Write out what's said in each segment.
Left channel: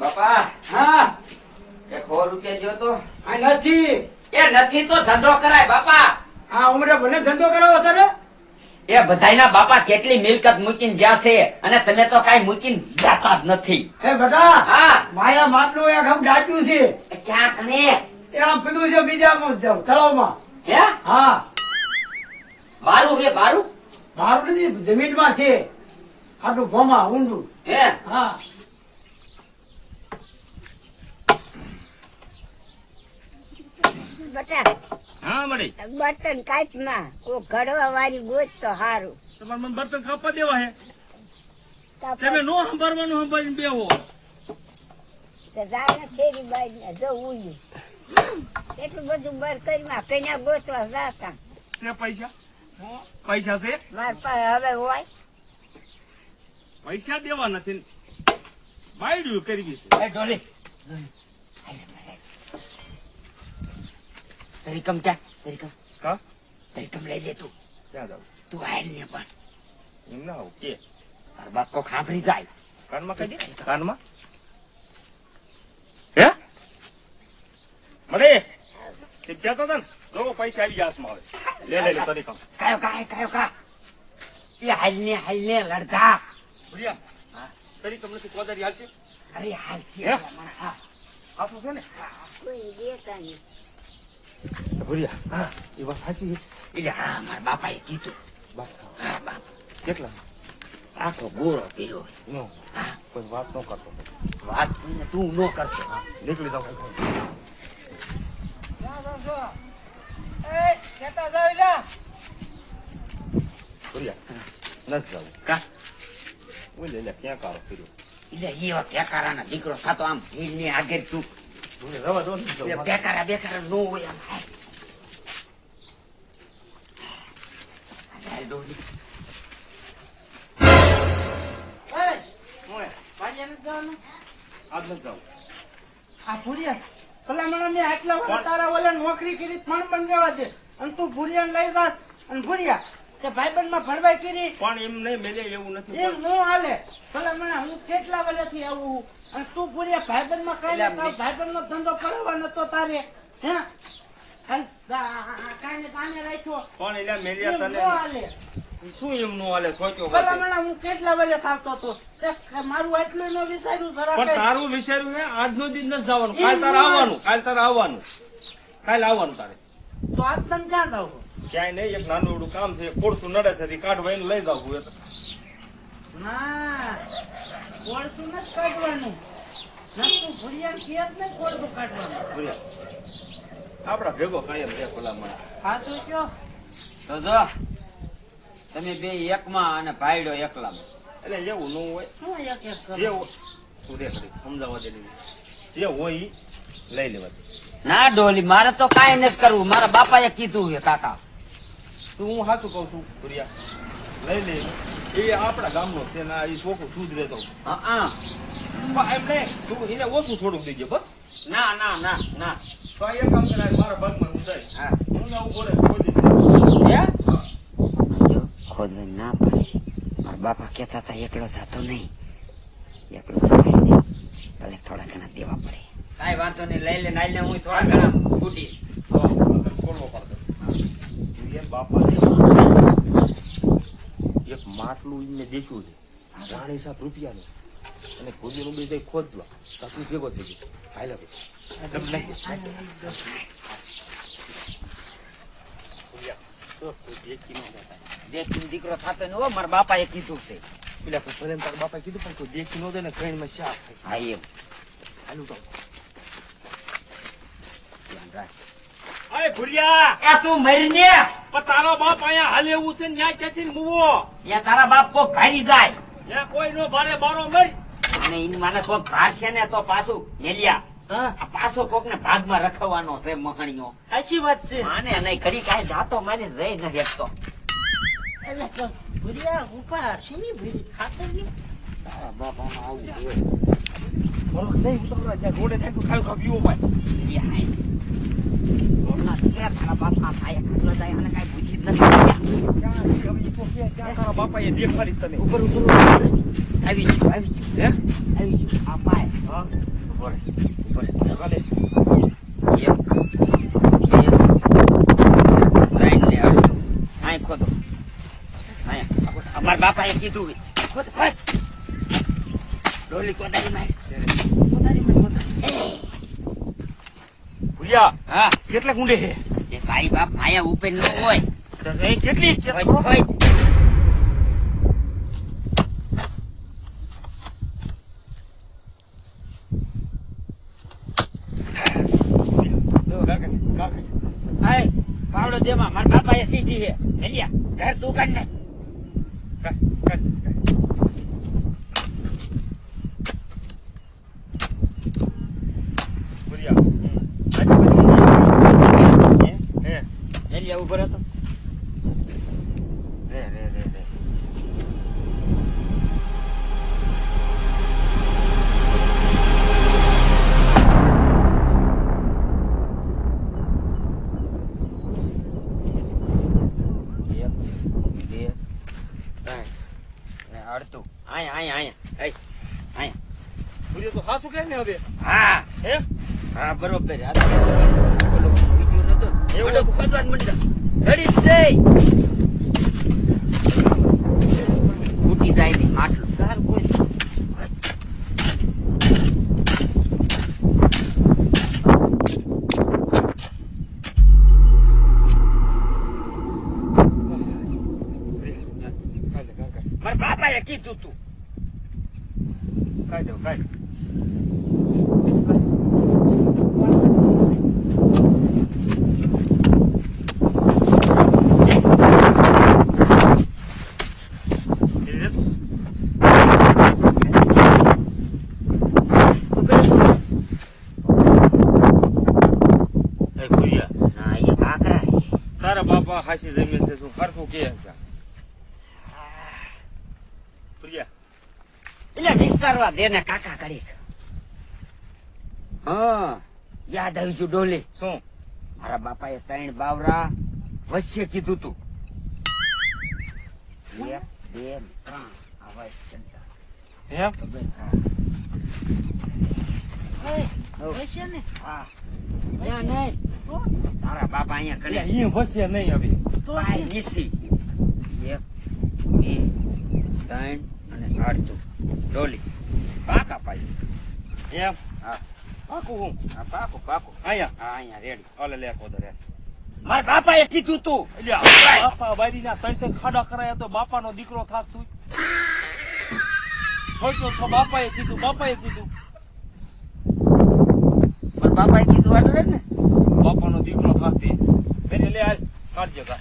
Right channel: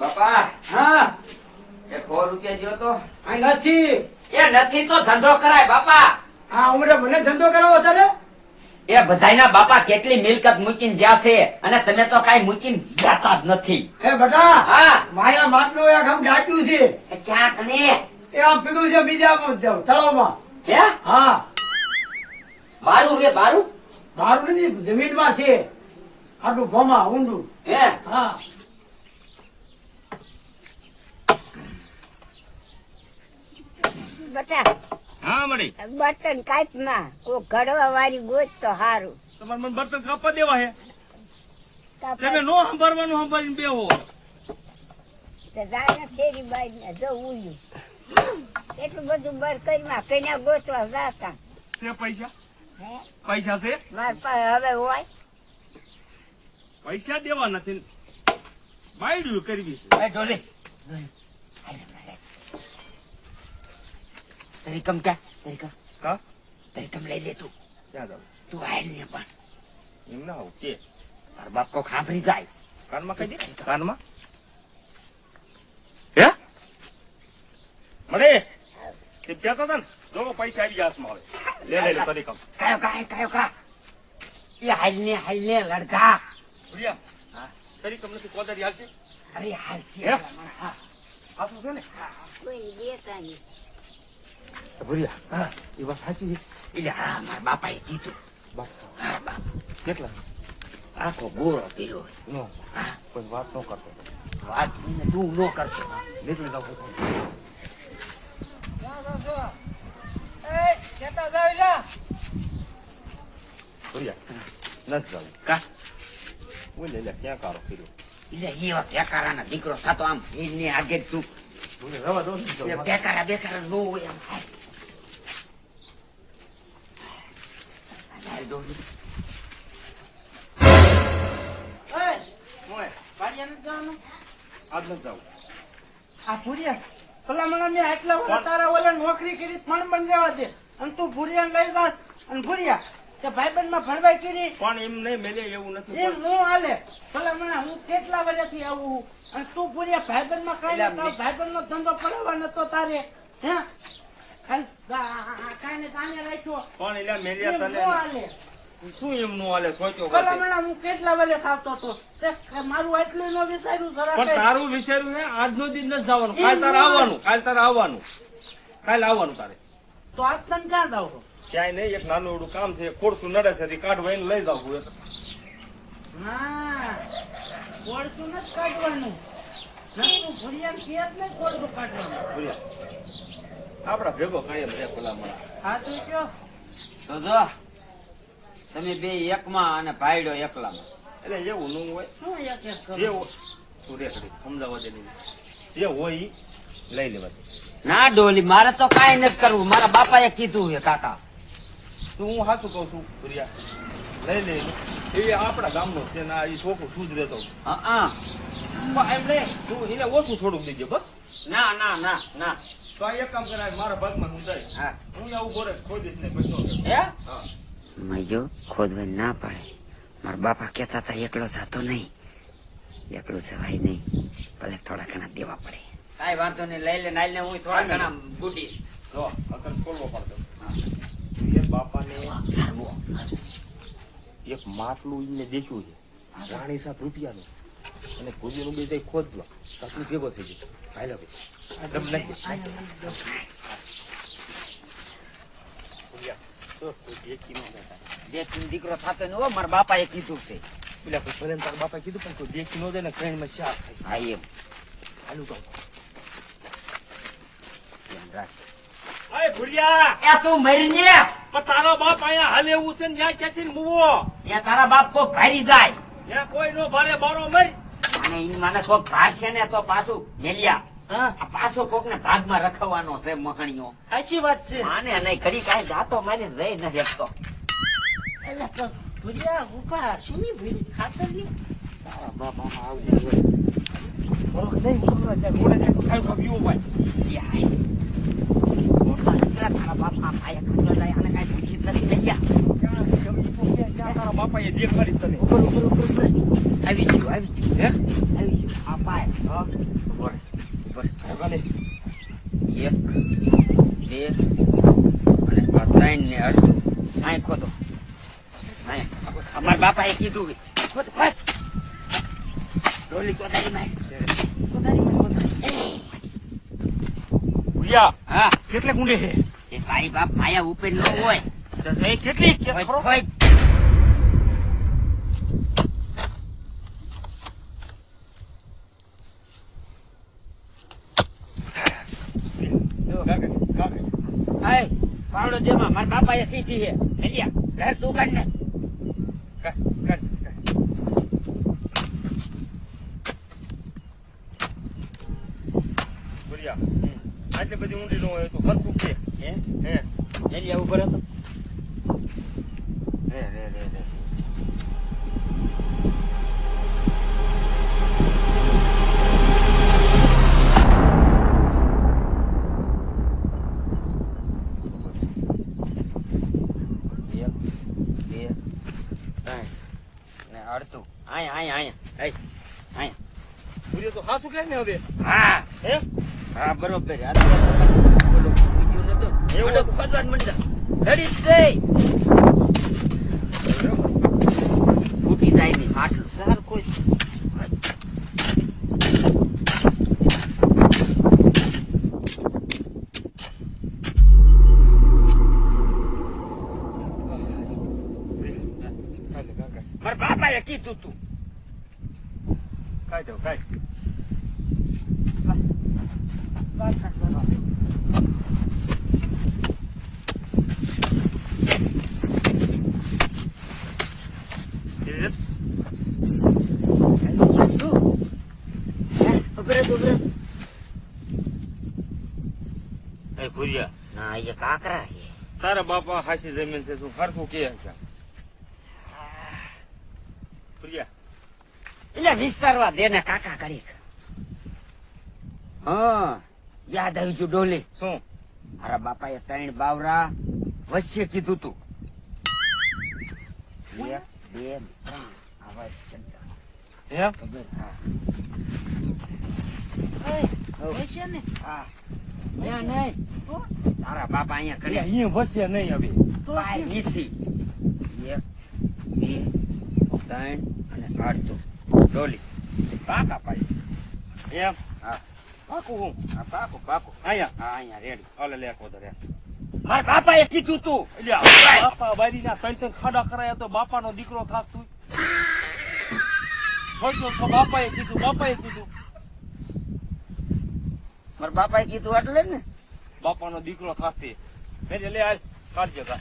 બાપા હા 100 રૂપિયા જો તો આ નથી. એ નથી તો ધંધો કરાય બાપા. આ ઉમરે મને ધંધો કરાવો તારે? એ બધાયના બાપા કેટલી મિલકત મૂકીને જ્યાં છે અને તમે તો કઈ મૂકીને જાતા જ નથી. એ બેટા હા માયા માટલું એક આમ ડાટ્યું છે. એ ક્યાં કને એ આમ પીધું છે બીજા તળાવમાં. હે હા બારું રે બારું બહાર નથી જમીનમાં છે. આટલું ભોમાં ઊંડું. હે હા બટા હા મળી બર્તન કાપ માં કોઈ ઘડવા વાળી ગોત તો હારું. તમારે મને બર્તન કાપવા દેવા હે કાપડ તમે નો સંભાળવાનું સંભાળીને બેહો. તો જાય ને ફેરી બાઈ ને જો ઉલ્યું એટલું બધું બર કરી કન્યા ગોતવા જાતા. છે પૈસા હે પૈસા છે મારા પાસે હવે હોય પૈસા દેવા નથી બાયડ્યું કરવી છે. એ ડોલી તરીકમ ક્યાં તરીકમ કા તરીકમ લઈ લે તું. ક્યાં જાવ તું આયલ ને પણ એમ ના આવું કે તાર બાપ તો ખાંભરી જાય. કાનમાં કઈ દે કાનમાં હે મળે તે કહેતા હતા ને જો પૈસા આવી ગયા હાથમાં આવે લે કરી કામ કયો એ હાલ ને લડકા. ભૂલ્યા હા તરી કમ નથી કોદારી હાલશે અરે હાલ છે હે? હા આ શું છે ને કોઈ દેખાય ભૂલ્યા હા એ વાત સાચી છે. એટલે હા મારા બાપાએ કીધું. બાપ હા બાપ કેટલા આખો ગોળો કર્યો હોય. નો હા કોઈ વાત ન કરતો વાત તું ન કરતો. નીકળી જાવ ભૂલ્યા નથી જાવ કા બોલે લે ક્યાં કારો કર્યો એટલે એવા ટેકારાના દીકરો થતો આમ ભીડ ની આગળ તું રવા દો ને એટલે ટેકારા બેકારા નો હોય આમ હાલ. હાલ ડોલી. આજ નથી જાવ આ ભૂરિયા ભલા મને મેં આટલા વર્ષ તારા ઓલા નોકરી કરી પણ બંધ જવા દે અને તું ભૂરિયા લઈ જાત અને ભૂરિયા તે ભાઈબંધ માં ભણવાઈ કરી પણ એમ નહીં મેલે એવું નથી એમ હું હાલે ભલા મને હું કેટલા વર્ષથી આવું અને તું ભૂરિયા ભાઈબંધ માં કઈ ભાઈબંધ નો ધંધો કરાવવા નતો તારે હે કાઈ ને કાને રાખ્યો પણ એટલે મેલ્યા એમ તને હું હાલે શું એમ નું હાલે સોચ્યો ભલા બાતે. મને હું કેટલા વર્ષ આવતો હતો તે મારું આટલું ન વિચાર્યું જરા પણ કઈ. તારું વિચાર્યું ને આજનો દિન નથી જવાનું કાલ તારે આવવાનું કાલ આવવાનું તારે તો આજ તને ક્યાં જાવ ક્યાંય નહીં એક નાનું એવડું કામ છે ખોડતું નડે છે તે કાઢવા એને લઈ જાવ ના કોળતું નથી કાઢવાનું નતું ભૂરિયા કેત ને કોળતું કાઢવાનું આપડા ભેગો કાયમ રે ભલામણ સાચું કયો તો જો તમે બે એકમાં અને ભાઈડો એકલામાં. એટલે એવું નું હોય શું એક એક કરો? જે હોય તું રે કરી સમજાવવા દે નહીં. જે હોય ઈ લઈ લેવા દે ના ડોલી મારે તો કાંઈ નથી કરવું. મારા બાપાએ કીધું છે કાકા. તું હું સાચું કઉ છું ભૂરિયા લઈ લે એ આપડા ગામનો છે ને આ ઈ છોકરો શું જ રહેતો હા પણ એમ નહીં તું એને ઓછું થોડુંક દેજે બસ ના ના ના ના તો આ એક કામ કરાય મારા ભાગમાં હું જાય હા હું ને ઉભો રહે ખોદી હે જો ખોદવાય ના પડે. મારા બાપા કહેતા હતા એકલો જતો નહીં, એકલો જવાય નહીં, ભલે થોડા ઘણા દેવા પડે. કાંઈ વાંધો નહીં, લઈ લે નાઈ લે, હું થોડા ઘણા બુટીશ. તો અત્યારે ખોલવો પડતો એ બાપાને એક માટલું એને દેખ્યું છે 7 રૂપિયાનું અને ભૂજીનું બે જઈ ખોદવા તાતું ભેગો થઈ ગયો હાલ્યા દેશી દીકરો થતો ને હો, મારા બાપાએ કીધું છે. પેલા ભલે તારા બાપા કીધું પણ કોઈ દેખી નો દે ને ટ્રેનમાં શાક હા એમ હાલું તો એ તું મરીને તારો બાપ અહીંયા હાલે એવું છે ને ત્યાં ક્યાંથી મૂવો એ તારા બાપ કોક ભારી જાય ત્યાં કોઈ નો ભારે બારો મરી અને ઈ મને કોક ભારશે ને તો પાછું મેલિયા હા આ પાછો કોક ને ભાગમાં રખવાનો છે મહણીઓ. સાચી વાત છે માને નહીં ઘડી કાંઈ જાતો મારી રહી નથી શકતો. એટલે તો ભૂરિયા ઉપા શીની ભૂરી ખાતર ની તારા બાપામાં આવું હોય બરોબર નહીં ઉતરવા ત્યાં રોડે જાય તો ખાયું ખાવ પીવો ભાઈ મોટા દીકરા તારા બાપા ભાઈ ખાટવા જાય અને કાંઈ બુદ્ધિ જ નથી તારા બાપાએ દેખાડી તને. ઉપર આવી ગયું આવી ગયું આ પાય ઉપર ચાલે. 1 2 3 ને અડધું અહીં ખોદો અમારા બાપાએ કીધું ખોદ ખોદ ડોલી કોદારીમાં ભૂયા, હા કેટલા ગુંડે છે? એ તારી બાપ આયા ઉપર ન હોય તો નહીં કેટલી? ખોદ ખોદ આય પાવડો દેમાં મારા બાપાએ સીધી છે હેલિયા ઘર તું કાઢ ને ભૂયા, આજુબાજુ ઊંઘી હે? હેલિયા ઉપર હતો રે અડતું અહીંયા ભૂયા તો હાસું કે ને હવે? હા હે? હા બરોબર બોલો બીજું નતું એવું એવું હતું. ખોદવાનું મંડ્યા ઘડી જ જઈ ઉઠી જાય નહીં આટલું સારું કોઈ મારા બાપાએ કીધું તું કાઢ દો, કાઢ. એ ભૂયા, ના એ કાકરા તારા બાપા હાસી જમીન છે શું હરખું કે છે? ભૂયા, એટલે વિસ્તારવા દે ને કાકા કરી હા યાદ આવી ગયું ડોલી શું? મારા બાપાએ 3 બાવરા વચ્ચે કીધું તું 1 2 3 આવા ચંદા હે? ખબર વૈશ્ય ને હા નહીં તારા બાપા અહીંયા કરે અહીંયા વસે નહીં હવે. તો પાય નીસી 1 2 3 અને અડધું ડોલી પાકા પાય એમ? હા પાકું હું? હા પાકો પાકો અહીંયા? હા અહીંયા રેડી ઓલે લે કોદર રે. મારા બાપાએ કીધું તું એટલે આ બાપા બારીના 3 ખાડા કરાયા તો બાપાનો દીકરો થાત તું. ખોટો તો બાપાએ કીધું. મારા બાપાએ કીધું એટલે ને બાપાનો દીકરો થાત તે. ફેરી લે હાલ કાઢજે કા.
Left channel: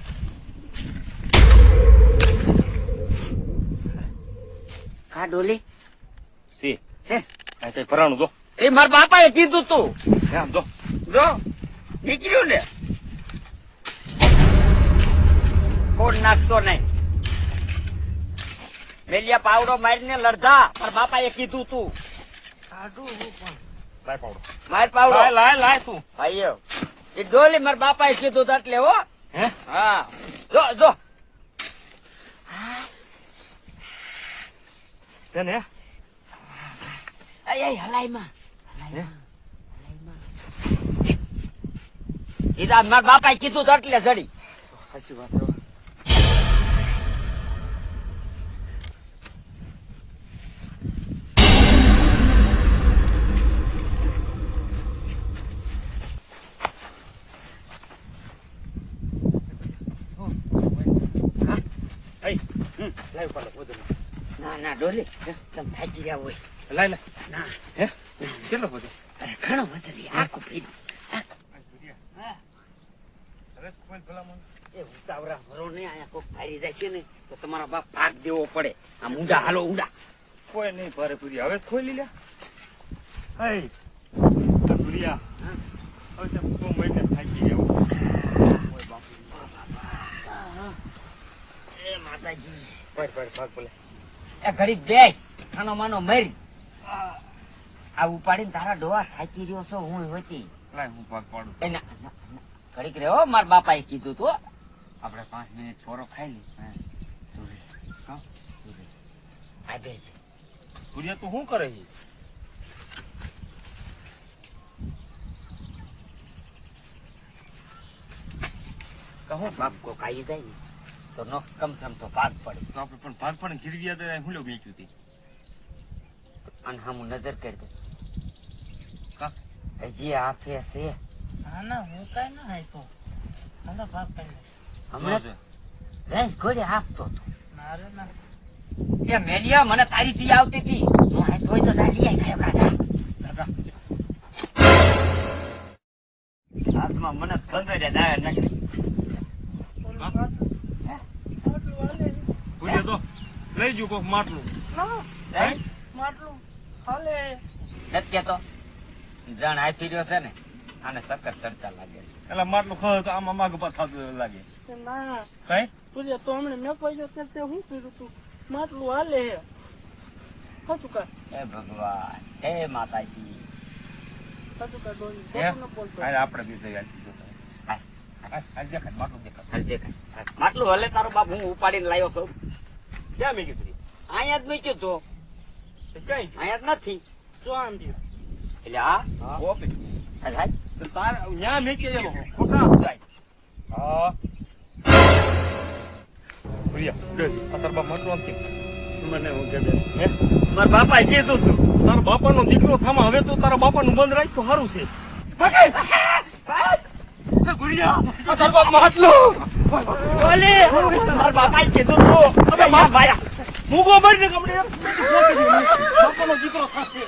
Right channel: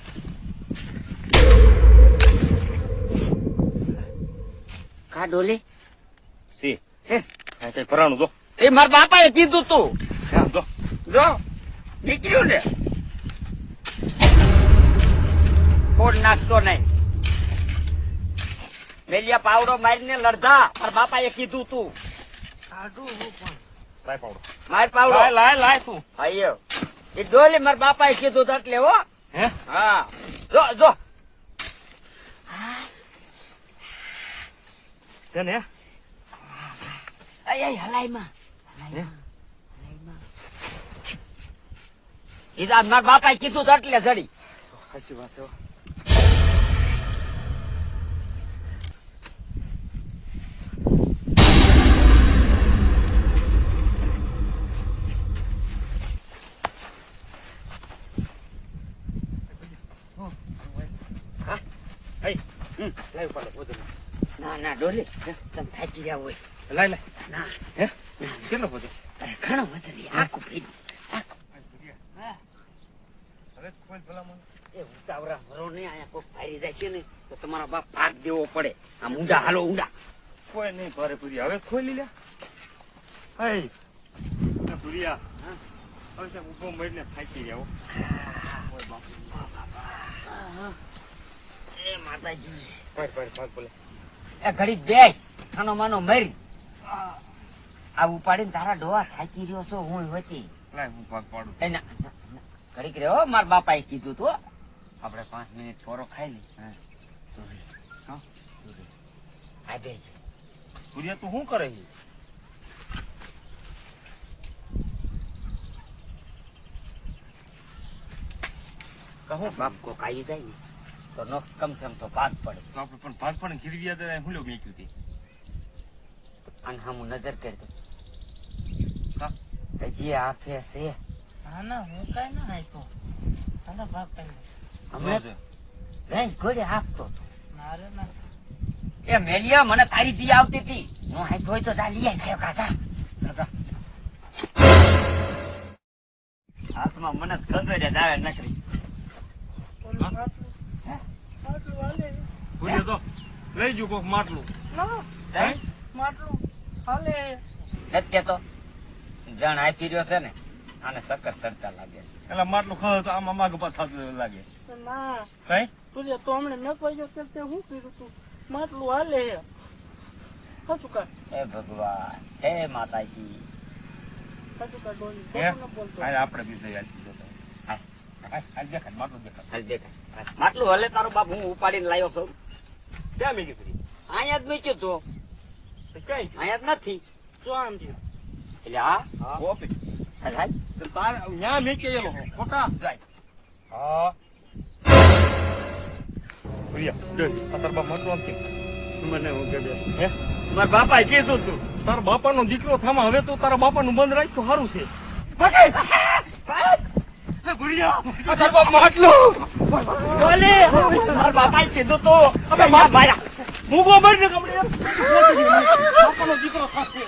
કા ડોલી સી હે આ કઈ પરાણું જો. એ મારા બાપાએ કીધું તું હા જો. જો નીકળ્યું ને ફોડ નાખતો નહીં રેલિયા પાવડો મારીને લડધા મારા બાપાએ કીધું તું કાઢું હું પણ લાય પાવડો. માર પાવડો લાય તું. આયો એ ડોલી મારા બાપાએ કીધું તું એટલે હો હે? હા જો છે ને? આય હલાઈમાં હે? એ મારા બાપાએ કીધું તું એટલે જડી હાચી વાત છે. લાય પાડો વજન. ના ડોલી તમે થાકી રહ્યા હોય લાય. ના હે? કેટલો વજન? અરે ઘણો વજન આખું પીધું હવે કોઈ ભલામણ. એ ઉતાવળા ભરો ને અહીંયા કોઈ ફારી જાય છે ને તો તમારા બાપ ભાગ દેવો પડે આ ઊંડા હાલો ઊંડા કોઈ નહીં ભારે પૂરી. હવે ખોઈ લીધા. હે ભૂલિયા, હા. હવે તેમ 6 મહિને થાકી જાવ. એ માતાજી ભાગ બોલે. એ ઘડી દેશ ખાનો માનો મરી આ ઉપાડીને તારા ડોહા થાકી રહ્યો છો હું હતી લાય હું ભાગ પાડું. એ ના, ઘડીક રે હો, મારા બાપાએ કીધું તું હો. આપણે 5 મિનિટ છોરો ખાઈ લી. હા આ બે છે. ભુરિયા તું શું કરે છે? કહો બાપ કો ખાઈ જાય ને તો નો કમ સે કમ તો ભાગ પડે. તો આપણે પણ ભાગ પાડીને ગીરવી હતા હું મેક્યું હતી. અને હું નજર કરતો કા હજી આપે છે હા ના હું કઈ ના આપ્યો હાલો ભાગ પાડી હમણાં ભેંસ ઘોડે આપતો હતો. મારે ના એ મેલિયા મને તારી દી આવતી હતી. હું આપ્યો હોય તો જા લઈ આય ખાયો કાકા. દાદા હાથમાં મને ખબર જ આવે નથી. માટલું હાલે ભુરિયા તો લઈ જુ કોક માટલું. ના હે? માટલું હાલે એટલે તો જણ આપી રહ્યો છે ને આને સક્કર સડતા લાગે. એટલે માટલું ખાવ તો આમાં માગ પાછા થતું લાગે. ના કઈ પૂર્યા તો હમણાં મેં પૈસા તે શું કર્યું તું માટલું હાલે સાચું કા હે ભગવાન, હે માતાજી. સાચું કા ડોલી હે? ખોટું ન બોલતો હાલ આપણે બી તૈયાર કીધો તો. હાલ, હાલ દેખાય માટલું દેખાય. હાલ દેખાય. માટલું હલે તારો બાપ હું ઉપાડીને લાવ્યો છું. ક્યાં મેં કીધું? અહીંયા જ મૂક્યું તું. ક્યાં અહીંયા જ નથી. શું આમ થયું એટલે આ ઓપી. હાલ હાલ. ત્યાં મેં એનો ખોટા જાય. હા ભુરિયા આ તારા બાપ માટલું આમ કેમ કરે? મને હું કે હે? મારા બાપાએ કીધું તું. તારા બાપાનો દીકરો થામા હવે તો તારા બાપાનું બંધ રાખ તો સારું છે. ભુરિયા આ તારા બાપ માટલું બોલે મારા બાપાએ કીધું તું. મારા ભાયા મૂકો મારી ને કપડે બાપાનો દીકરો થશે.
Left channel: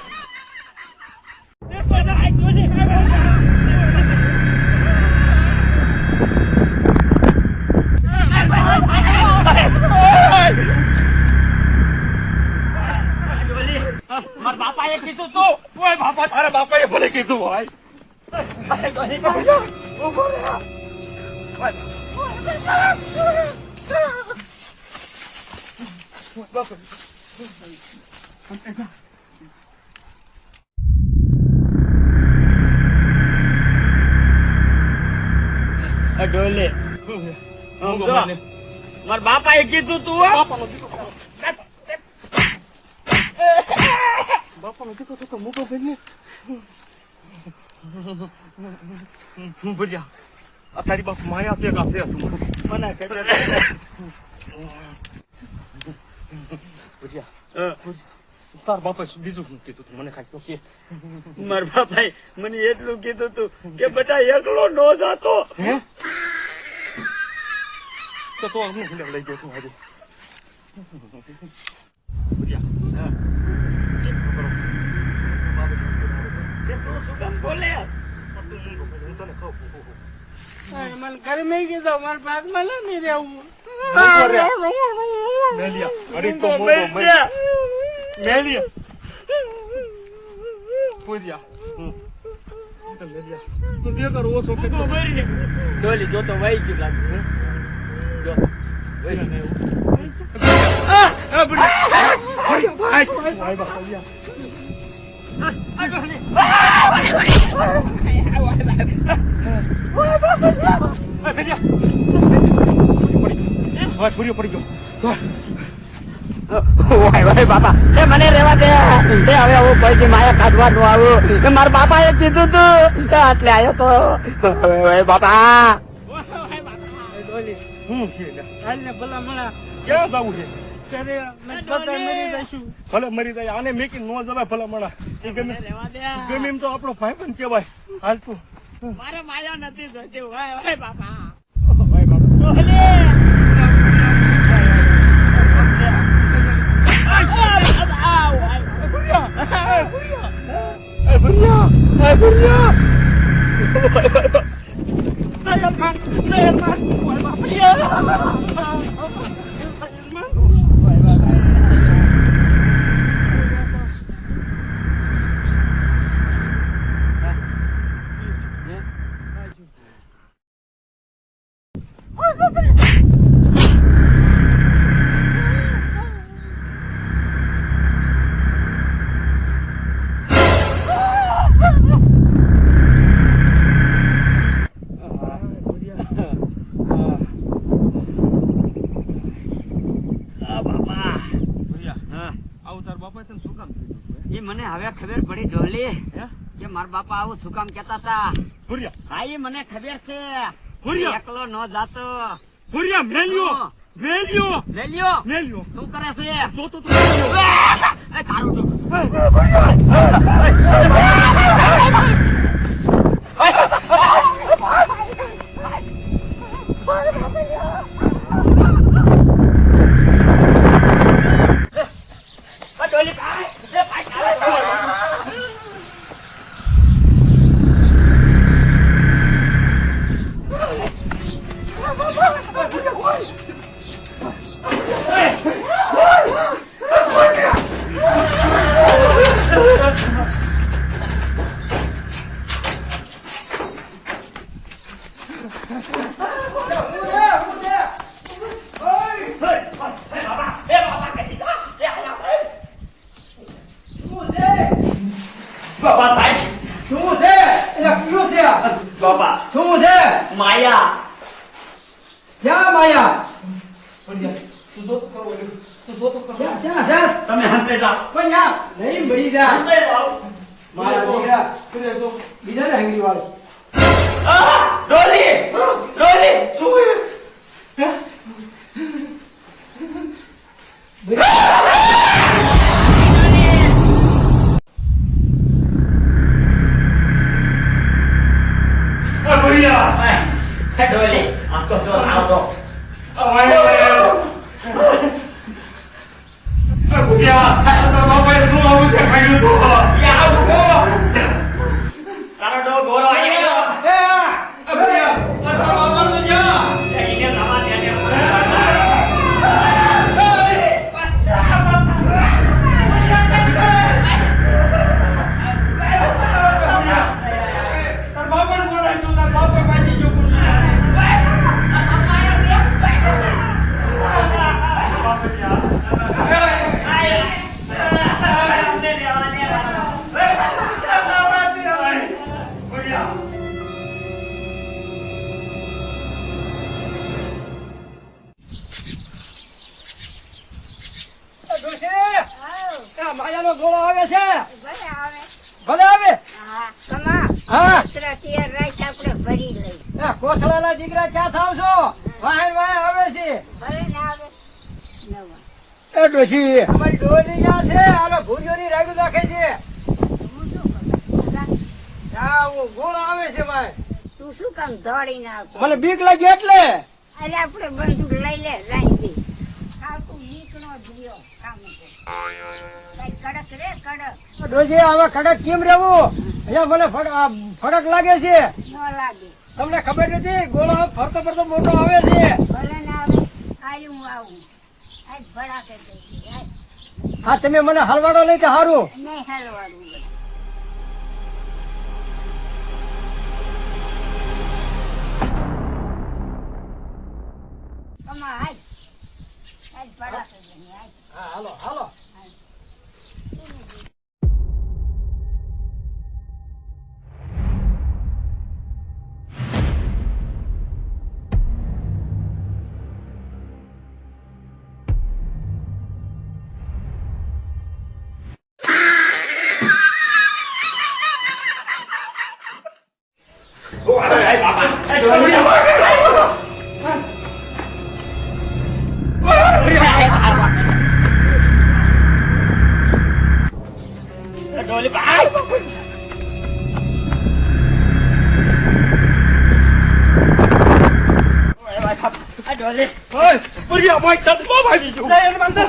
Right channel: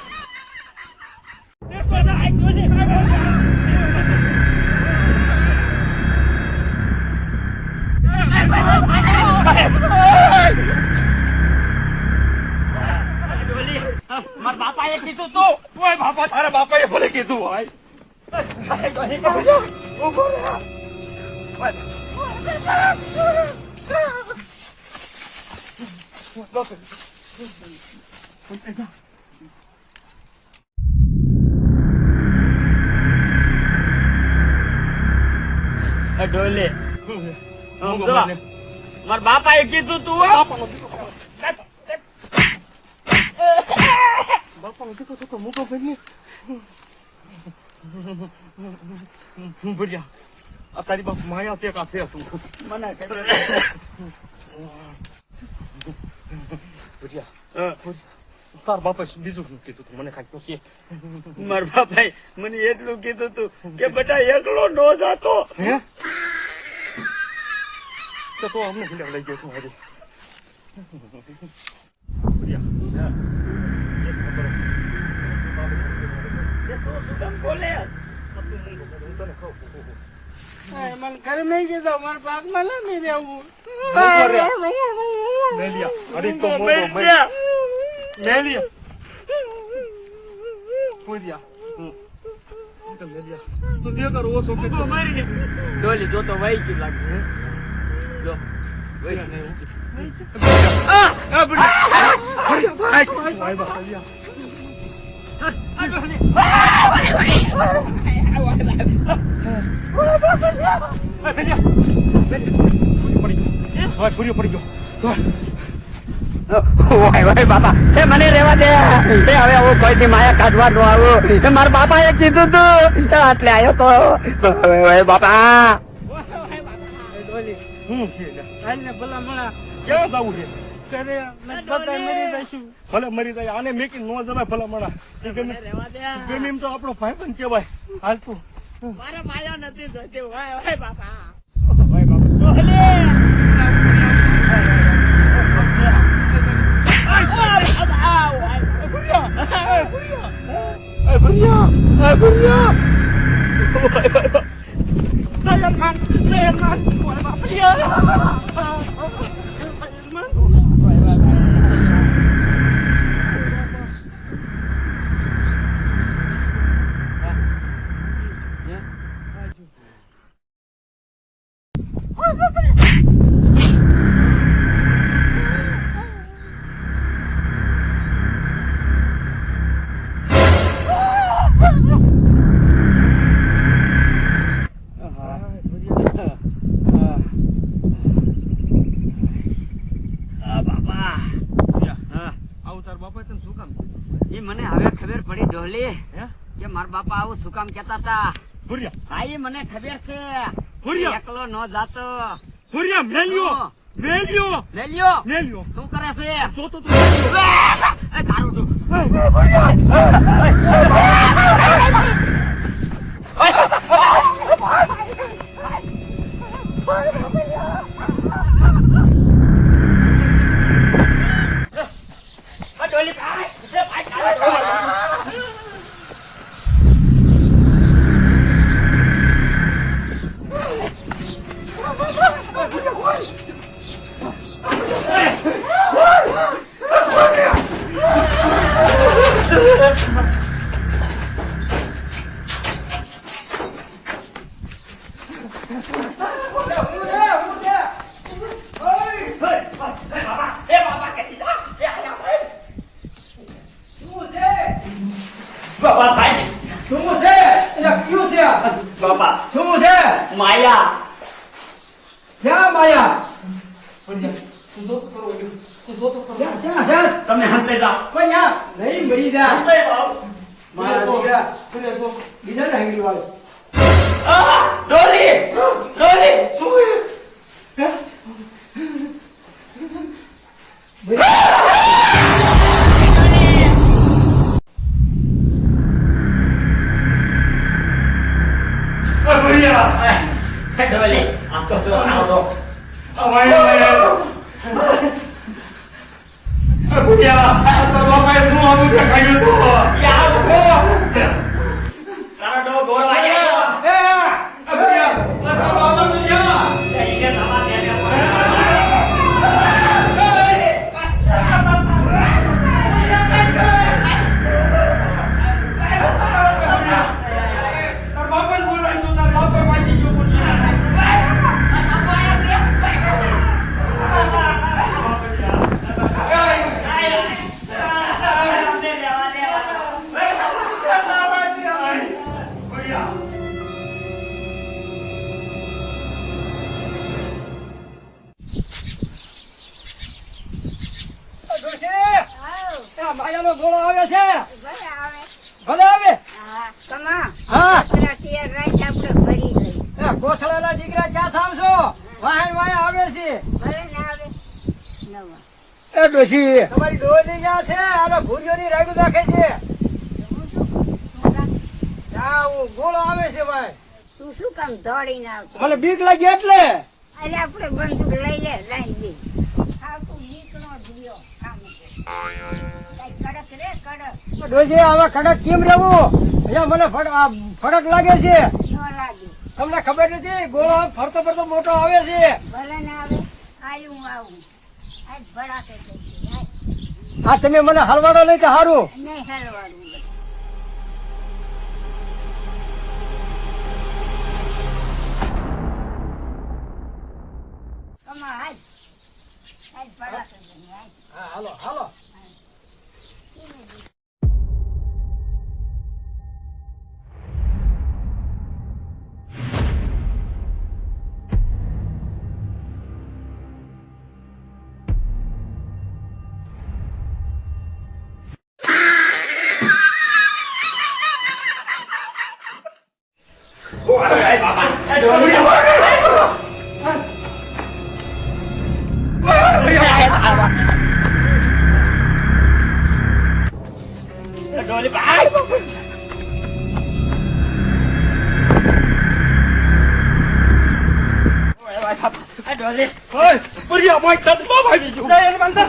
મારા બાપાએ કીધું તું. ઓય બાપા તારા બાપાએ ભલે કીધું હોય. ડોલે મૂકો મારી ને. મારા બાપાએ કીધું તું હો. બાપાનો દીકરો બાપાનો દીકરો તો મૂકો ભાઈ ભુરિયા આ તારી બાપ માયા ભેગા છે શું? મને ખબર ભુરિયા તાર બાપા બીજું શું કીધું તું મને કાંઈ તો કે. મારા બાપાએ મને એટલું કીધું તું કે બેટા એકલો નો જાતો. હે તો અમને ભૂલ્યા લઈ ગયો છું આજે. મને ઘરે મેં કીધું મારા ભાગમાં નહીં રહેવું મેલિયા અરે તો મોટો મેલિયા પૂર્યા મેલિયા તું દે કરો ઓછો કે ડોલી જો તો વહી ગયું લાગે. જો પૂરી પડી ગયો. બાપા એ મને રેવા દે. હવે હું કોઈથી માયા કાઢવા નો આવ્યો. મારા બાપાએ કીધું તું એટલે આવ્યો તો. બાપા હું હાલ ને ભલા મળા ક્યાં જવું છે? ઘરે બધા મરી જઈશું ભલે મરી જાય આને મેકી નો જવાય ભલા મણા. એ ગમે એમ તો આપણો ભાઈ પણ કેવાય. હાલ તું મારા માયા નથી જોઈતી વાય બાપા ભાઈ બાપા કે મારા બાપા આવું શું કામ કેતા હતા? ભૂરિયા હા એ મને ખબર છે. ભૂરિયા એકલો ન જાતો. ભૂરિયા મેલ્યો મેલ્યો મેલ્યો મેલ્યો શું કરે છે? જોતો તો મેલ્યો એ તારું તો બાપા ભાઈ શું છે એટલે કયું છે બાપા શું છે માયા ક્યાં માયા તું જોતો કરો તું જોતો કરો ક્યાં છે તમે હંતે જાઓ પણ યાર નહીં મરી જા હંતે જાઓ મારા દીકરા બીજા ને આંગળી વાળે ડોલી ડોલી શું ભૈયા ડોલી આમ તો જો આવડો. ભૈયા તારા બાપાએ શું આવું કે ખાઈ તારો ડો ગોળો આવ્યો. એને તમાર માયાનો ગોળો આવે છે ભલે આવે. ભલે આવે હા, કમા. હા કુતરાથી રાત આપણે ભરી લઈ. કોથળાના દીકરા ક્યાં થાવ છો વાહન વાહન આવે છે ભલે ને આવે. નવો. એ ડોશી અમારી ડોલી ક્યાં છે આનો ભૂરીઓની રાગુ નાખે છે હું શું કરું? આ ગોળો આવે છે ભાઈ તું શું કામ દોડીને આવતો? મને બીક લાગી એટલે અરે આપણે બંદૂક લઈ લે લાઈ દે. હા, તું નીકળો જીયો કામ ઉપર. કઈ કડક રે કડક. ડોશી આમાં કડક કેમ રહેવું અહીંયા મને ફડક લાગે છે ન લાગે. તમને ખબર નથી ગોળો ફરતો ફરતો મોટો આવે છે ભલે ને આવે. આયુ હું આવું. આજ ભડાકે થઈ ગઈ. આજ આ તમે મને હલવાડો નહીં કે હારું નહીં હલવાડું. કમા આજ. આજ ભડાકે થઈ આજ. હા હાલો હાલો ડોલી ભાઈ ડોલી ભૈયા ભાઈ તારી બાપા આવી ગયું મને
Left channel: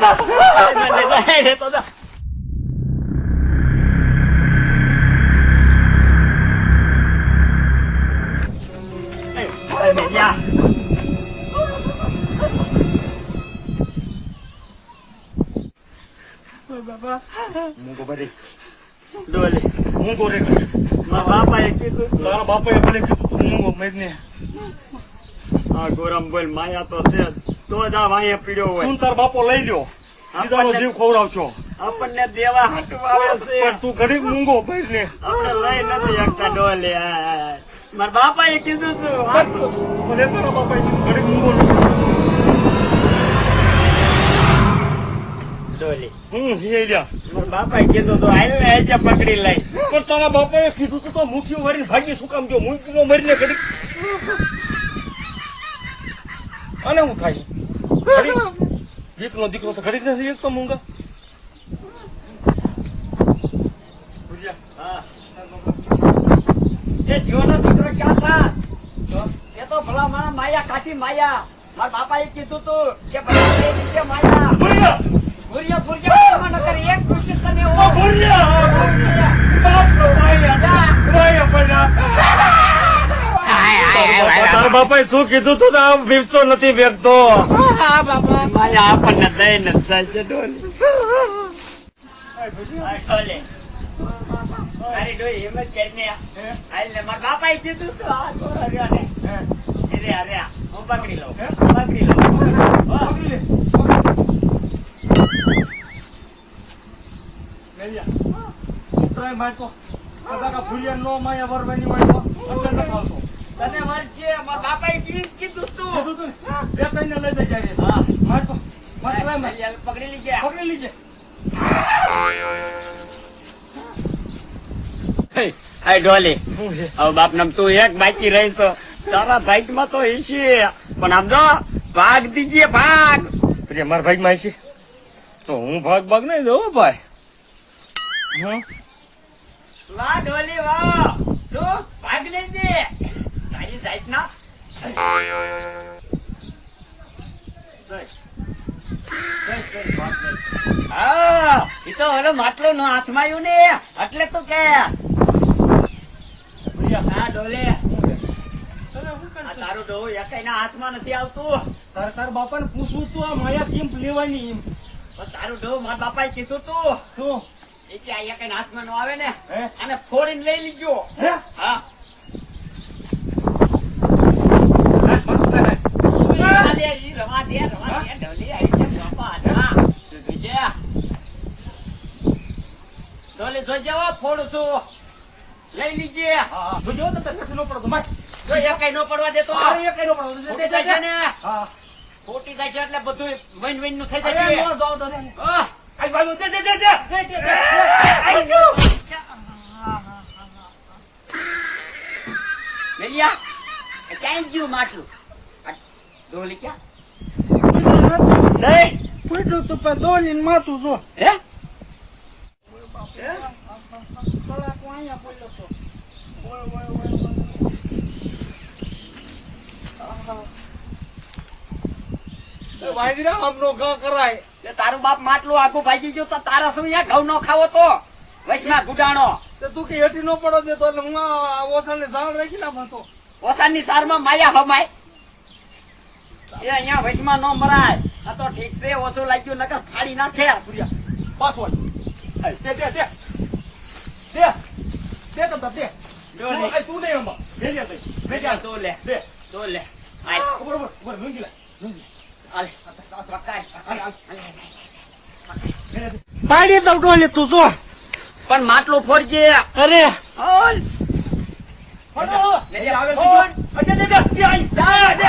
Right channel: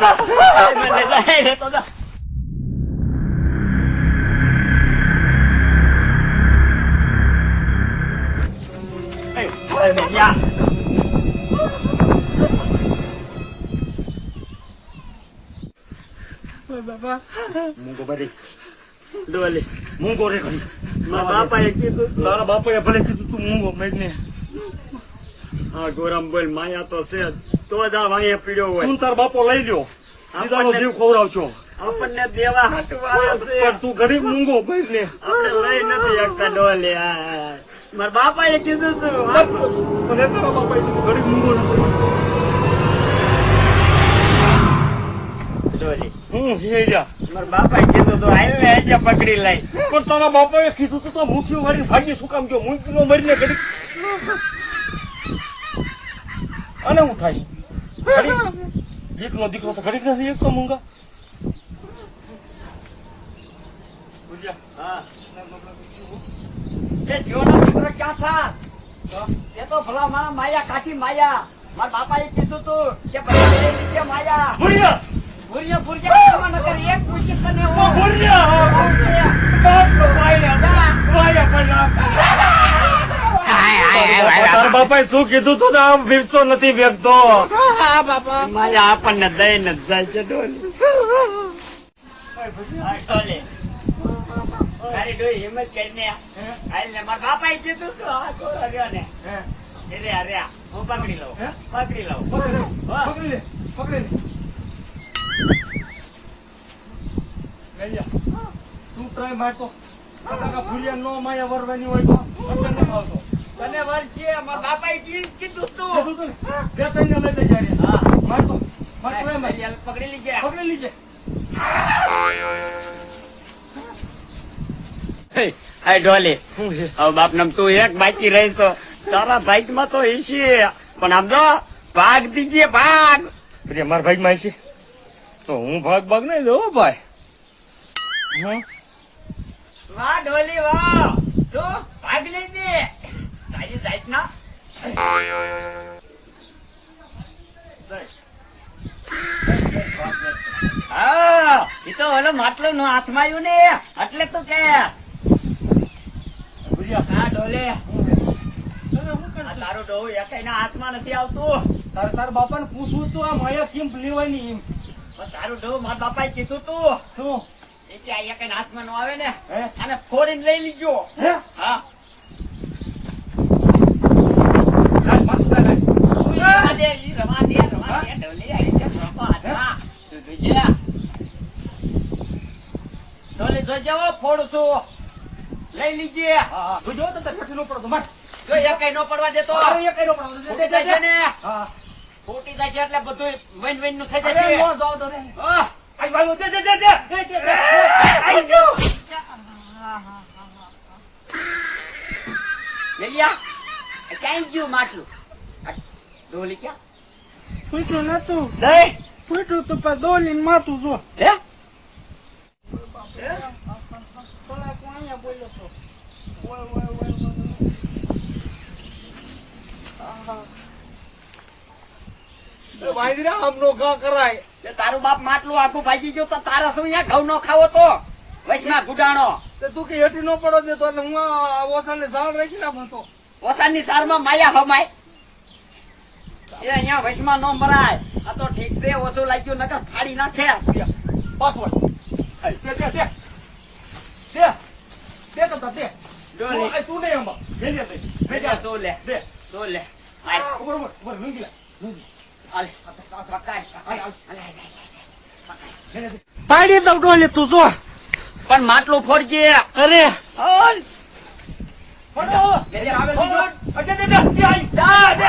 તો બાપા મૂકો બરી ડોલી હું ગોરે મારા બાપાએ કીધું તારા બાપાએ ભલે કીધું તું મૂંગો મેઘને હા ગોરમ બોલ માયા તો છે તો જ આ વાંહે પીડ્યો હોય તું તાર બાપો લઈ લ્યો સીધાનો જીવ ખવડાવશો આપણને દેવા હાટું આવે છે પણ તું ગરીબ મૂંગો મેઘને આપણે લઈ નથી શકતા ડોલી મારા બાપાએ કીધું તું મને તારા બાપાએ કીધું ગરીબ મૂંગો ડોલી હું છે જા મારા બાપાએ કીધું તો હાલ ને આજે પકડી લઈ. પણ તારા બાપાએ કીધું તો મુઠ્ઠીઓ વાળી ભાગી શું કામ ગયો મૂંગીનો મરીને ઘડી અને હું થાય દીકરો દીકરો તો ઘડી નથી એક તો મૂંગા હા એ જીવનો દીકરો ક્યાં થા એ તો ભલા મારા માયા કાઠી માયા મારા બાપાએ કીધું તું કે બધા લઈ લીધે માયા ભૂરિયા ભૂરિયા ભૂરિયા ન કરી એક પૂછી તને ઓ તારા બાપાએ શું કીધું તું ને આમ વેચતો નથી વેચતો માયા આપણને દઈને જ જાય છે ડોલી. તારી ડોઈ હિંમત કરીને હાલ ને મારા બાપાએ કીધું તું આ ઘોડો રહ્યો ને રે હું પકડી લઉં પકડી લઉં પકડી લે પકડી મારતો ભૂલિયા નો માયા વરવાની હોય તો એટલે ન આવતો તને વર છે મારા બાપાએ કીધું તું બે ત્રણ લઈ જાય હા મારતો પકડી લીજે પકડી લીજે હાય ડોલી હવે બાપ નામ તું એક બાકી રહીશો તારા ભાઈ માં તો ઈશી પણ આમ જો ભાગ દીજીએ ભાગ પ્રિય મારા ભાઈ માં છે તો હું ભાગ નહીં દઉં ભાઈ વાહ ડોલી વાહ તું ભાગ નહીં દે તારી જાત ના હા એ તો હવે માટલો નો હાથમાં આવ્યું ને એટલે તો કે હા ડોલે આ તારું ડોહું એકાઈના હાથમાં નથી આવતું તાર બાપા ને પૂછવું તું આ માયા કેમ લેવાની એમ પણ તારું ડોહું મારા બાપાએ કીધું તું શું એ કે આ એકાઈના હાથમાં નો આવે ને હે? આને ફોડીને લઈ લીજો હે? હા રાજ મસ્ત રાજ તું ઈ રવા દે ડોલી આવી ગયા બાપા હાથમાં તું જોજે ડોલી જોજે હો, ફોડું છું લઈ લીજે હા જોજો તો તને નો પડતો માર જો એકાઈ નો પડવા દેતો અરે એ કઈ નો પડતો ફૂટી જશે ને હા ફૂટી જશે એટલે બધું વૈન વૈન નું થઈ અરે જશે નો જાવ તો રે આહ! આઈ ભાઈ દે મેલિયા આ ક્યાં ગયું માટલું આ ડોલી ક્યાં દે ફૂટ્યું તું પણ દોલીને માથું જો હે કલાક અહીંયા બોલ્યો તો વાંગરા આમનો ઘા કરાય તે તારું બાપ માટલું આખું ભાજી ગયું તો તારા શું અહીંયા ઘઉં નો ખાવો તો વચમાં ગુડાણો તે તું કે હેઠી નો પડો દે તો હું ઓસાને ઝાડ રાખી નાખું તો ઓસાની સારમાં માયા હમાય એ અહીંયા વચમાં નો મરાય આ તો ઠીક છે ઓછું લાગ્યું નકર ફાડી નાખે પાસવર્ડ દે દે દે દે તો દે ડોલી તું નહીં અંબા ભેજે ભાઈ ભેજા તો લે દે તો લે આય ઉપર લંગીલા આલે પકાય પાડી દઉં ડોલી તું જો પણ માટલું ફોડજે અરે ફોડ ફોડો લે લે આવે ફોડ અજે દે દે દે આઈ દા દે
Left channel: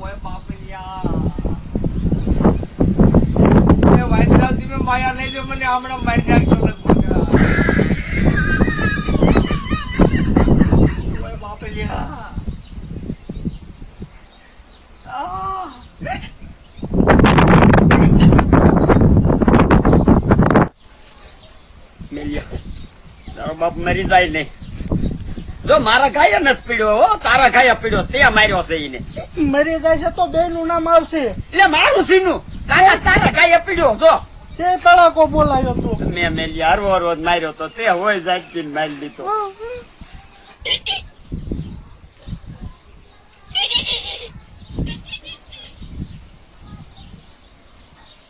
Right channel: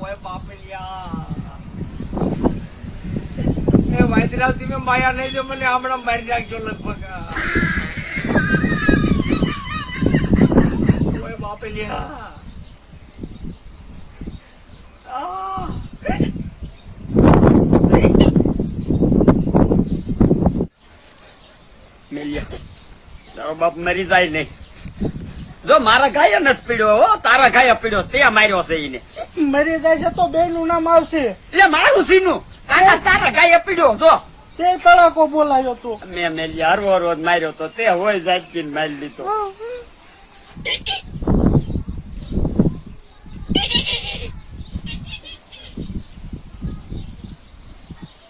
ઓય બાપલિયા એ વાંદરા તમે માયા નહીં દે મને હમણાં મારી નાખજો લગભગ ઓય બાપે લ્યા તારો બાપ મરી જાય નહીં જો મારા ગાય નથી પીડ્યો હો તારા ગાય પીડ્યો તે માર્યો છે એને મરી જાય છે તો બે નું નામ આવશે એટલે મારું સીનું તારા ગાય પીડ્યો જો તે તળાકો બોલાયો તું મેં મેલી હરવો રોજ માર્યો તો તે હોય જાગી મારી દીધો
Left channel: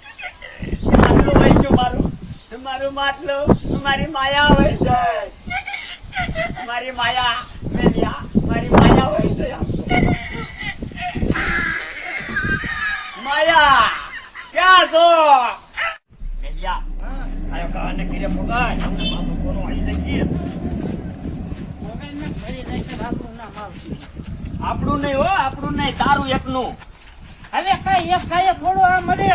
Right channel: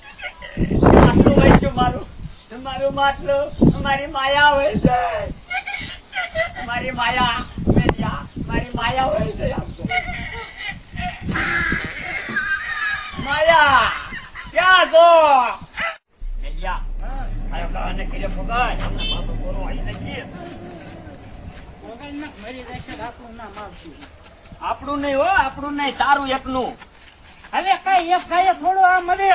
માટલું વહેંચ્યું મારું માટલું મારી માયા હોય છે મારી માયા મેલિયા મારી માયા હોય છે માયા ક્યાં છો મેલિયા આયો કાને ઘીરે ફોગાય હમણાં બાપુ કોનો આવી જશે મરી જાય છે બાપનું નામ આવશે આપણું નહીં હો આપણું નહીં તારું એકનું હવે કઈ એક ગાયે થોડું આ મરે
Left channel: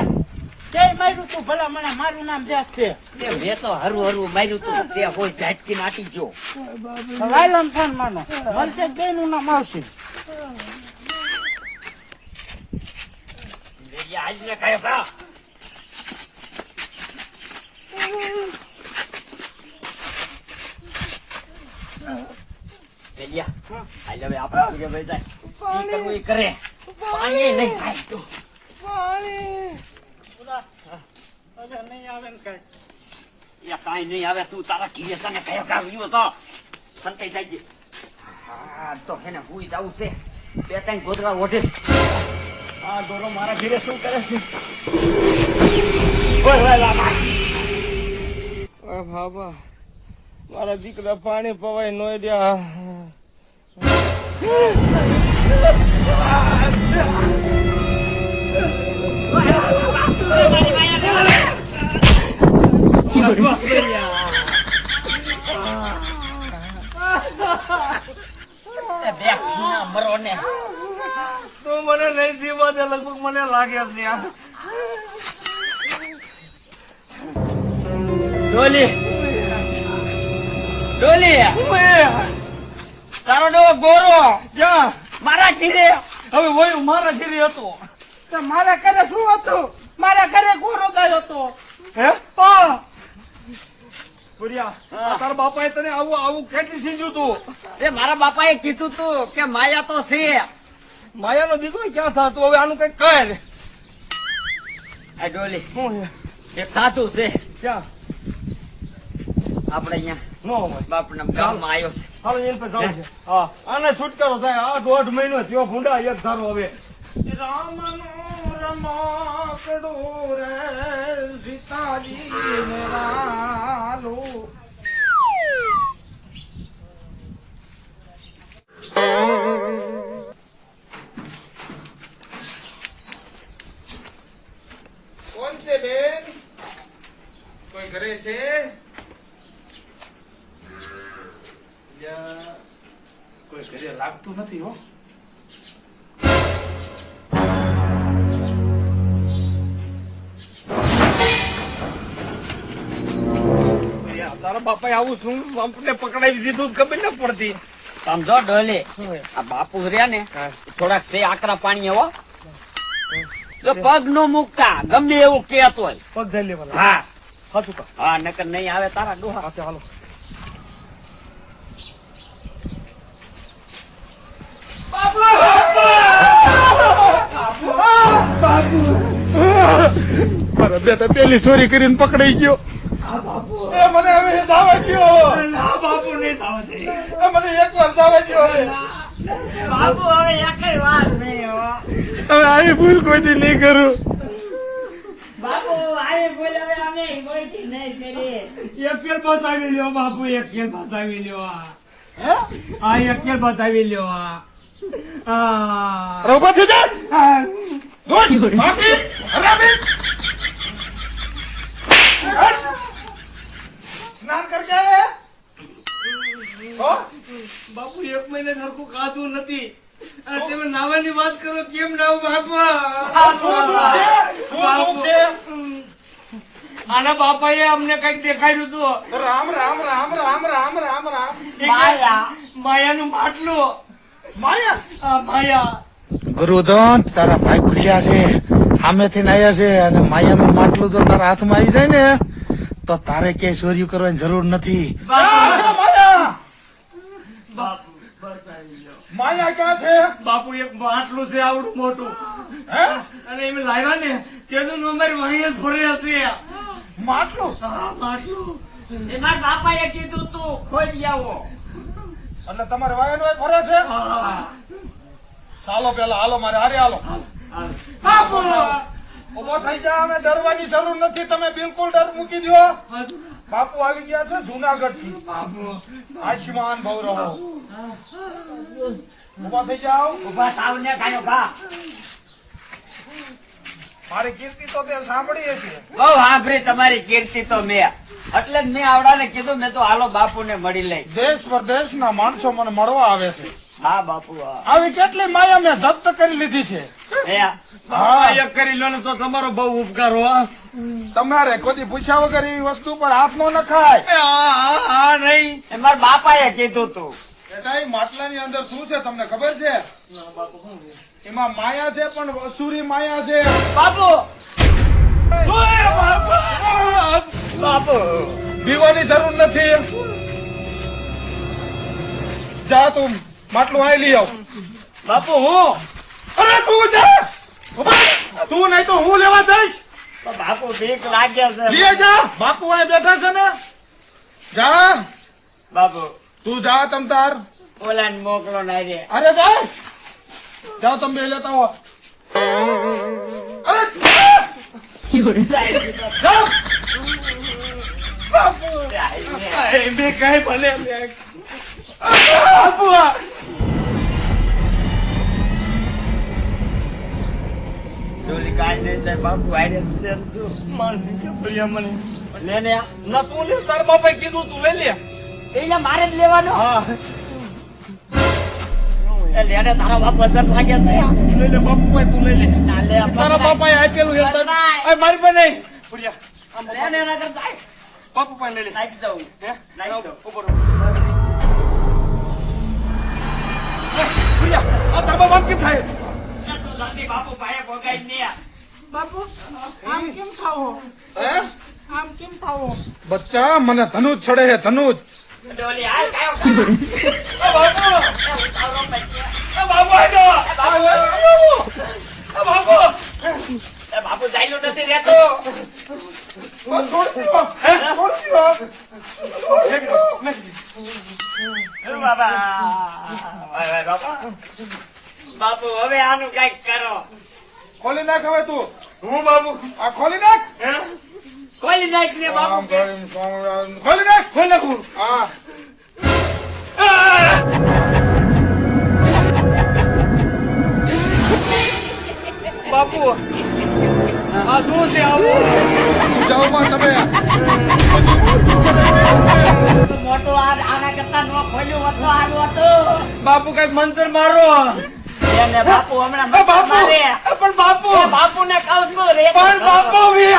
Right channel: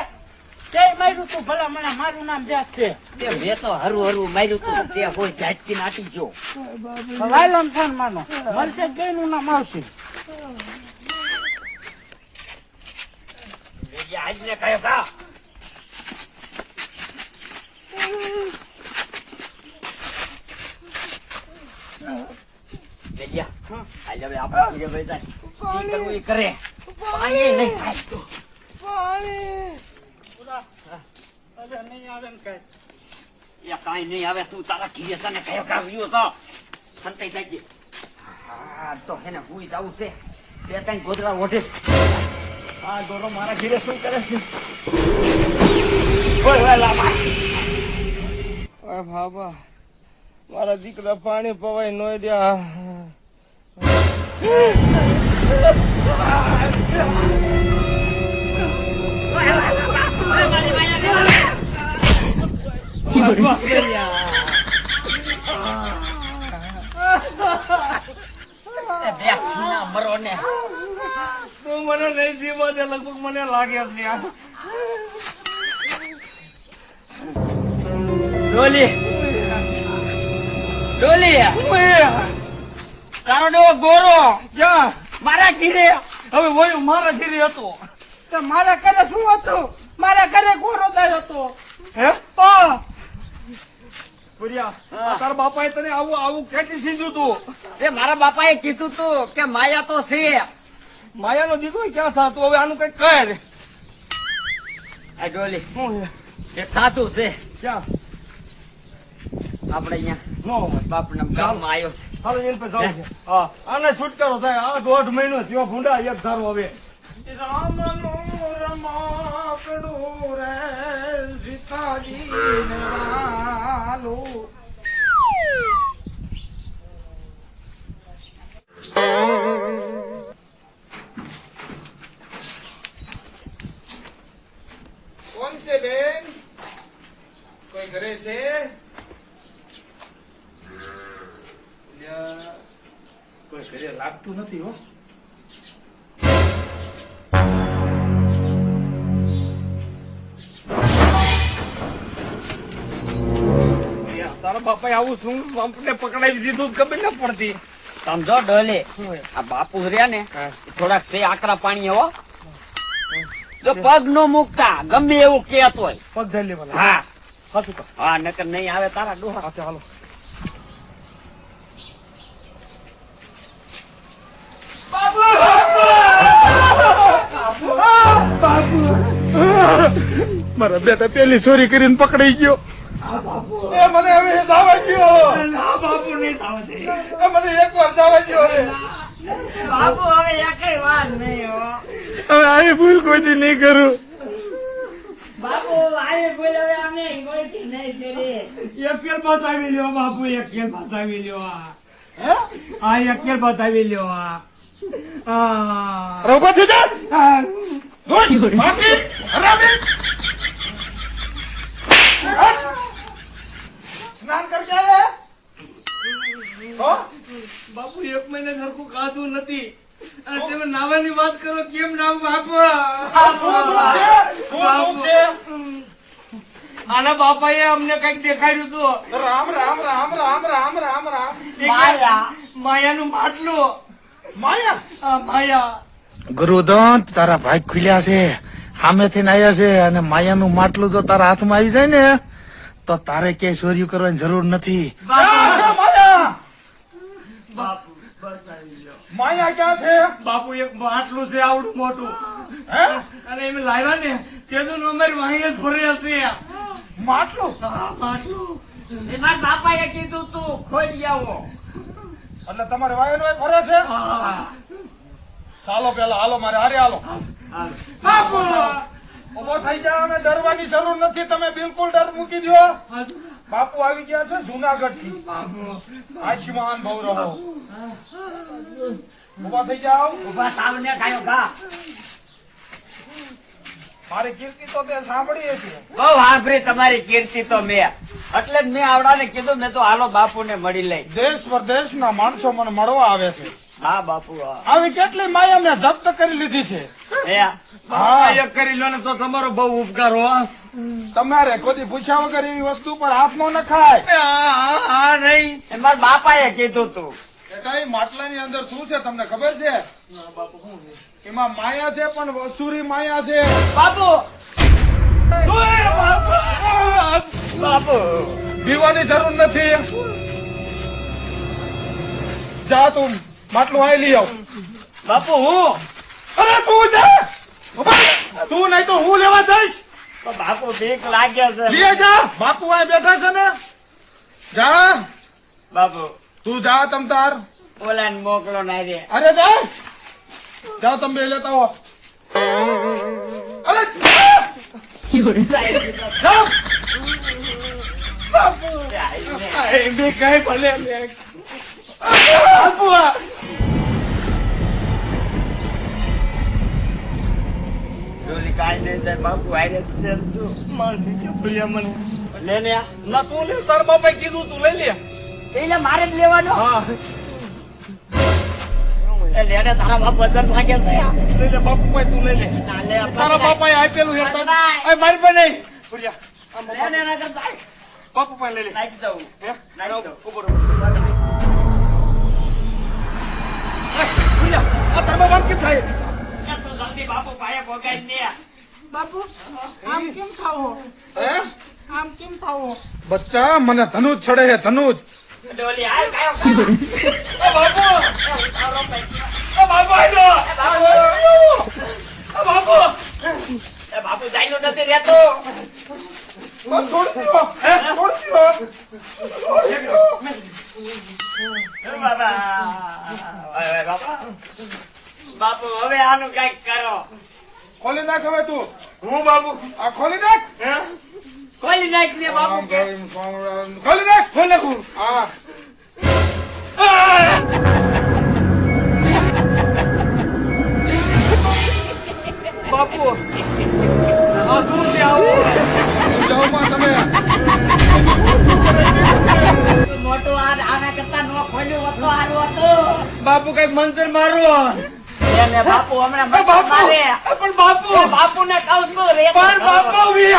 જય માર્યું તું ભલા મને મારું નામ દેશ છે તે મેં તો હરું હરું માર્યું તું તે કોઈ ઝાટકી નાટી ગયો. વાયલન ફોન માનો મળશે બે નું નામ આવશે આજને કયો કા આજે હવે આપણે ભાઈ જાય ઈ કરવું એ કરે પાણી નહીં થાય તું નહીં આવે ને કઈ એ કાંઈ નહીં આવે તું તારા ઘીરે તને કયો કાવ્યો તો સંતાઈ જાય. હા તો હે ને હુઈ જવું છે બે ત્રણ ગોદરા ઓઢે. આ ગોરો મારા ઘીરે શું કરે છે? ઓય લાલા બાબા મારા દીકરા પાણી પવાય નો દ્યા મરો ને તું મને નહીં દીવા દે લગભગ મને લાગે છે ડોલી ડોલી તારો ડો ગોરો ક્યાં મારા ઘીરે હવે વયું મારા ઘીરે હતો તો મારા ઘરે શું હતું મારા ઘરે ગોરો દાયો હતો હે હા પુરિયા તારા બાપાએ તને આવું આવું કેટલી સીધું તું એ મારા બાપાએ કીધું તું કે માયા તો છે. માયાનો દીકરો ક્યાં થતું હવે આનું કઈક કહે આ ડોલી શું એક સાધુ છે ક્યાં આપણે અહીંયા નો હોય બાપના ગામમાં આવ્યો છે. હાલો એને પર જાવ છે હા આને છુટકારો થાય આ 1.5 મહિનો થયો ભૂંડા એક ધારો હવે રામનું રમકડું રે સીતાજી ને લાલું કોણ છે બેન કોઈ ઘરે છે કોઈ ઘરે લાગતું નથી હો તારા બાપાએ આવું શું આપણે પકડાવી દીધું ખબર ન પડતી સમજો ડોલી આ બાપુ રહ્યા ને થોડાક છે આકરા પાણી હો તો પગ નો મૂકતા ગમે એવું કેત હોય. પગ જઈ લેવાના હા હાચું કહો હા નકર નહીં આવે તારા ડોહા. હા હાલો મારા બેટા પેલી ચોરી કરીને પકડાઈ ગયો એ મને હવે જવા દ્યો બાપુ નહીં થવા દે મને એક વાર જવા દ્યો હવે બાપુ હવે એકઈ વાત નહીં હો હવે આવી ભૂલ કોઈથી નહીં કરું બાપુ આવી ભૂલ હવે અમે કોઈથી નહીં કરી એક કેલ બતાવી લ્યો બાપુ, એક કેલ બતાવી લ્યો. હે આ એક કેલ બતાવી લ્યો. આ રોકો થઈ જા ગુડ બાપી હરામી સ્નાન કરકે આયા હો બાપુ 1 મહિને સરખું ખાધું નથી અને તમે નાવાની વાત કરો કેમ નાવ બાપા? આના બાપાએ અમને કઈક દેખાડ્યું હતું. રામ રામ રામ રામ રામ રામ રામ માયાનું માટલું. માયા આ માયા ગુરુદંત તારા ભાઈ ખુલ્યા છે સામેથી આવ્યા છે અને માયાનું માટલું જો તારા હાથમાં આવી જાય ને તો તારે ક્યાંય ચોર્યું કરવાની જરૂર નથી. ક્યાં છે માયા બાપુ બતાવી લો. માયા ક્યાં છે બાપુ એક માટલું છે આવડું મોટું હે અને એમ લાવ્યા ને તેનું અમારી વાહી જ ફરે હશે. માટલું હા માટલું. એમાં બાપાએ કીધું તું ખોઈ આવો. એટલે તમારે વાયનો ફરે છે હા. ચાલો પેલા હાલો મારે હારે હાલો બાપુ ઉભો થઈ જા અમે ડરવાની જરૂર નથી તમે બિલકુલ ડર મૂકી દો બાપુ આવી ગયા છે જુનાગઢ થી આયુષ્માન ભવ રહો ઉભા થઈ જાઓ ઉભા સાવને કાયો ઘા. મારી કીર્તિ તો તે સાંભળી છે બહુ આભરી તમારી કીર્તિ તો મેં એટલે જ મેં આવડાને કીધું મેં તો હાલો બાપુને મળી લઈ. દેશ પરદેશ ના માણસો મને મળવા આવે છે હા બાપુ હા. આવી કેટલી માયા મેં જપ્ત કરી લીધી છે. બાપા એક કરી લો ને તો તમારો બહુ ઉપકાર હો. તમારે કોઈ પૂછ્યા વગર એવી વસ્તુ પર હાથ ન નખાય. હા નહીં. એ મારા બાપાએ કીધું તું. બેટા એ માટલાની અંદર શું છે તમને ખબર છે? એમાં માયા છે, પણ અસુરી માયા છે. બાપુ બાપુ બીવાની જરૂર નથી. જા તું માટલું આઈ લઈ આવ. બાપુ હું અરે તું જા. તું નહીં તો હું લેવા જઈશ. તો બાપુ બીક લાગે છે. લઈ જા. બાપુ અહીં બેઠા છે ને. જા બાપુ તું જા તમ તાર. ઓલા ને મોકલો ના રે. અરે જા. જાઓ તમે બે લેતા હો. અરે જાઓ. મેં કઈ ભલે બાપુ જોલી કાંઈ નહીં થાય બાપુ આરે છે શું મારે નીચે ભૂલ્યા મને. લે ને ના તું લે, તાર બાપાએ કીધું તું લઈ લે. એટલે મારે જ લેવાનો હા એ લેડે તારા બાપ વજન લાગે છે લઈ લે બાપુ ભાઈ, તું લઈ લે. ના લે તારા બાપાએ આપેલું છે. બસ ભાઈ. આ મારી પાસે નહીં. ભૂલ્યા. આમ લે ને નગર જાય બાપુ પાસે લઈ લે. નાખી દઉં હે? નાખી દઉં. ઉપર ઉપર. ભૂલ્યા, આ તારા બાપા કેમ થાય? બાપુ ભાઈ ભોગાઈ ને બાપુ આમ કેમ થાવો હે? આમ કેમ થાવો બચ્ચા મને ધનુજ છડે છે, ધનુજ. ડોલી આ કાયો બાપુ આવ્યો. બાપુ એ બાપુ જાયલો નથી રહેતો બસ છોડી દો. છોડી દો. છોડી દો. એ બાબા હવે બાબા બાપુ હવે આનું કઈક કરો ખોલી નાખ હવે તું. હું બાપુ. આ ખોલી નાખ. હે? ખોલી નાખ ને બાપુ ખોલી નાખ. ખોલ નાખું. હા. બાપુ આ શું છે આવું? જાઓ માં તમે. મોટું આના કરતા નો ખોલ્યું હોત તો સારું હતું બાપુ કઈક મંતર મારો. એને બાપુ હમણાં એ બાપુ મારે પણ બાપુ બાપુ ને કહું છું રે પણ બાપુ વી